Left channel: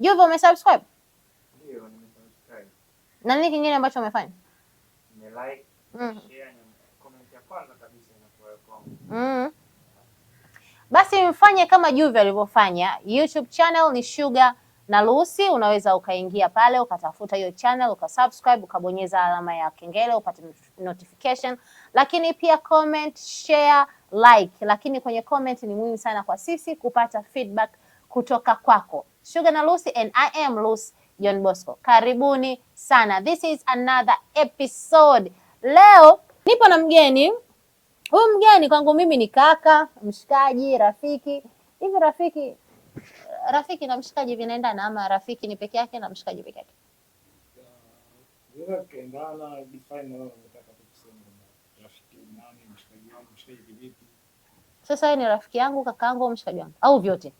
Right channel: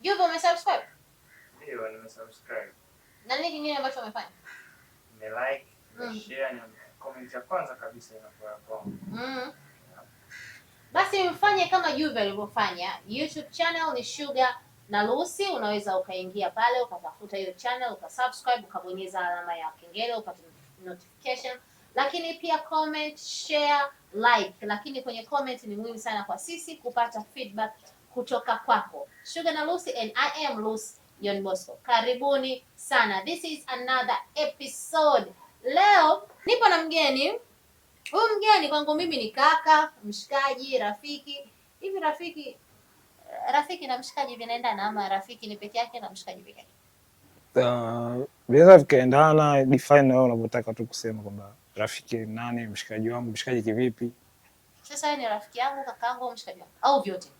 Juve, umesubscribe? Ndio, nimesubscribe. Na nini kingine ambacho umefanya? Like, share na comment ya kwanza kabisa inakuwa hapo. Basi mfanye kama Juve alivyofanya. YouTube channel ni Sugar na Lucy, unaweza ukaingia pale ukatafuta hiyo channel, ukasubscribe, ukabonyeza alama ya kengele upate notification, lakini pia comment, share, like. Lakini kwenye comment ni muhimu sana kwa sisi kupata feedback kutoka kwako. Sugar na Lucy and I am Lucy John Bosco. Karibuni sana. This is another episode. Leo nipo na mgeni. Huyu mgeni kwangu mimi ni kaka, mshikaji, rafiki. Hivi rafiki na mshikaji vinaendana ama rafiki ni peke yake na mshikaji peke yake? Vinaweza vikaendana, define na wewe unavyotaka tu kusema kwamba rafiki nani, mshikaji wangu, mshikaji kivipi. Sasa ni rafiki yangu, kaka yangu au mshikaji wangu au vyote?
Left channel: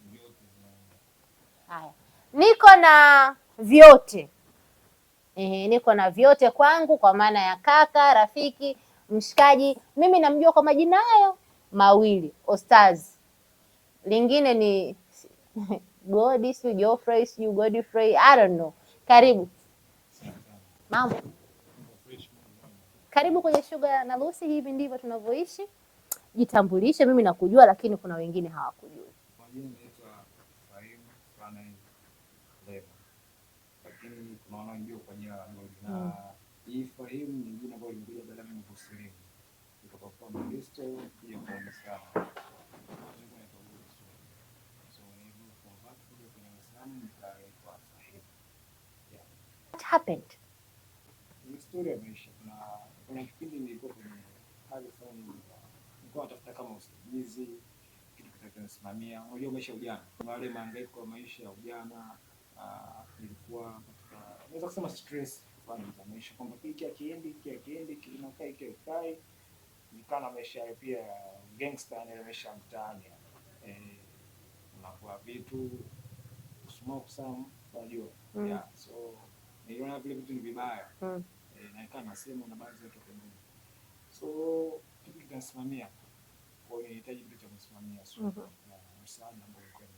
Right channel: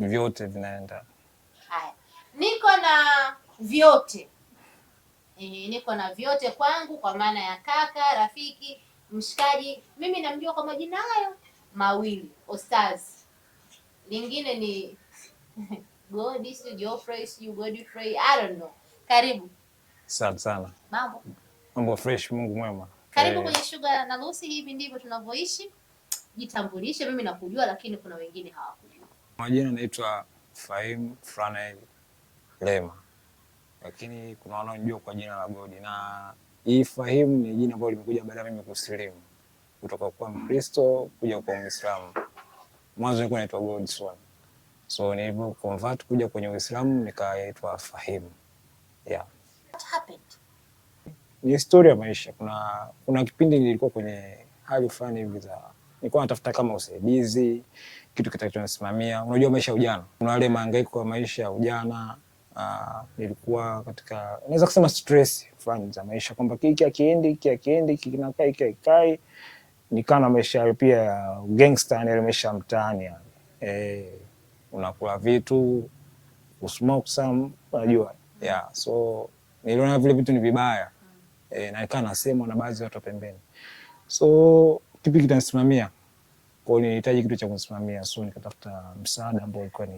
Vyote vinaenda. Haya. Niko na vyote. Niko na vyote kwangu kwa maana ya kaka, rafiki, mshikaji. Mimi namjua kwa majina hayo mawili, Ostaz. Lingine ni Godi, si Geoffrey, si Godfrey, I don't know. Karibu. Asante sana. Mambo fresh, Mungu mwema. Karibu kwenye Sugar na Lucy, hivi ndivyo tunavyoishi. Jitambulishe, mimi nakujua lakini kuna wengine hawakujua. Majina naitwa Fahim Franel Lema. Lakini kuna wanaojua kwa jina la Godi na hii Fahim ni jina ambalo limekuja baada ya mimi kusilimu kutoka kwa Mkristo kuja kwa Muislamu. Mwanzo nilikuwa naitwa God Swan. So nilipo convert kuja kwenye Uislamu nikaitwa Fahim. Yeah. What happened? Ni historia ya maisha. Kuna kipindi nilikuwa kwenye hali fulani hivi za nilikuwa natafuta kama usaidizi, kitu kitachonisimamia. Unajua maisha ya ujana. Kuna wale mahangaiko ya maisha ya ujana. Nilikuwa katika naweza kusema stress fulani za maisha kwamba hiki akiendi kinakaa hiki haikai. Nikaa na maisha pia ya gangster, na maisha mtaani. Unakula vitu, usmoke some, unajua. Yeah, so niliona vile vitu ni vibaya. Na nikaa nasema na baadhi ya watu pembeni. So kipi kitanisimamia? Kwa hiyo nilihitaji kitu cha kunisimamia, so nikatafuta msaada ambao ulikuwa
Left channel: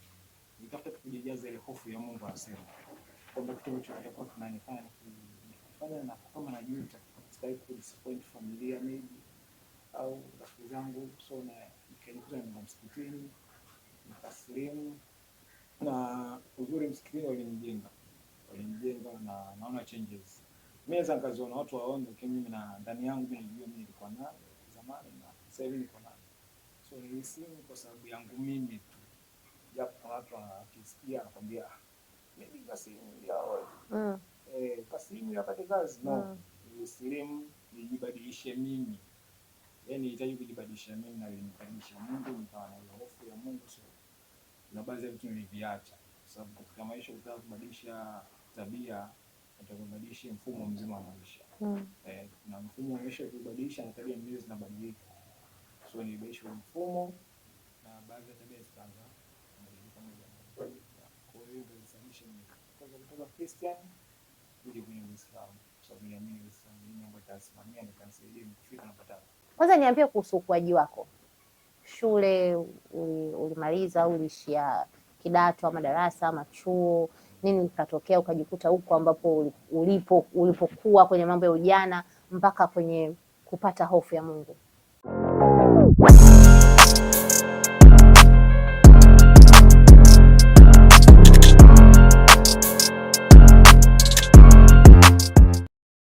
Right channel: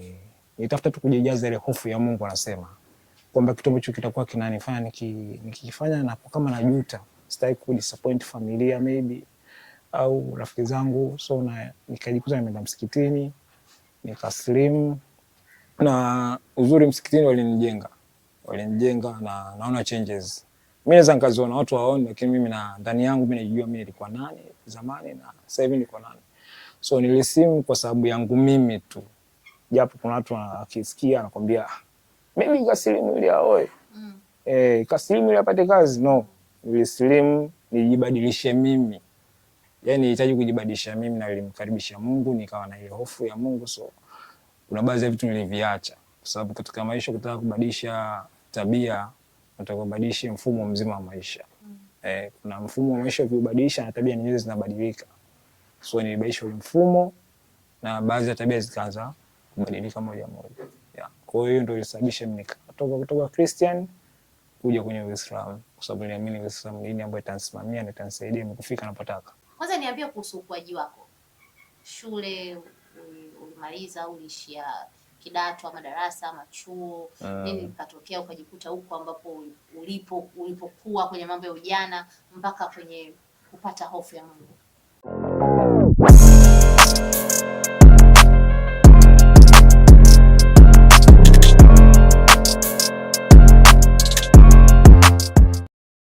nitafuta tu kujijaza ile hofu ya Mungu. Anasema kwamba kitu ambacho kitakuwa kinanifanya nikifanya na kama najuta, sitaki ku disappoint familia maybe au rafiki zangu. So nikajikuta nimeenda msikitini, nikaslimu, na uzuri msikitini walinijenga na naona changes. Mimi naweza nikaziona watu waone, lakini mimi na ndani yangu mimi najua mimi nilikuwa nani zamani na sasa hivi niko nani. So nilisimu kwa sababu yangu mimi tu. Japo kuna watu wakisikia anakuambia mimi kasilimu ili aoe. Kasilimu ili apate kazi. No. Nilisilimu nijibadilishe mimi. Yaani nihitaji kujibadilisha mimi na nilimkaribisha Mungu, nikawa na ile hofu ya Mungu. So kuna baadhi ya vitu niliviacha kwa sababu katika maisha kutaka kubadilisha tabia, unataka kubadilisha mfumo mzima wa maisha. Kuna mfumo wa maisha ukibadilisha na tabia nyingine zinabadilika. So nilibadilisha mfumo na baadhi ya tabia zikaanza kubadilika moja moja. Yeah. Kwa hiyo ndio ilisababisha mimi kutoka Christian kuja kwenye Uislamu, kwa sababu niliamini Uislamu ni dini ambayo itanisimamia na itanisaidia mimi kufika napotaka. Kwanza niambie kuhusu ukuaji wako. Shule ulimaliza, uliishia kidato ama darasa ama chuo? Nini katokea ukajikuta huko ambapo ulipokuwa kwenye mambo ya ujana mpaka kwenye kupata hofu ya Mungu?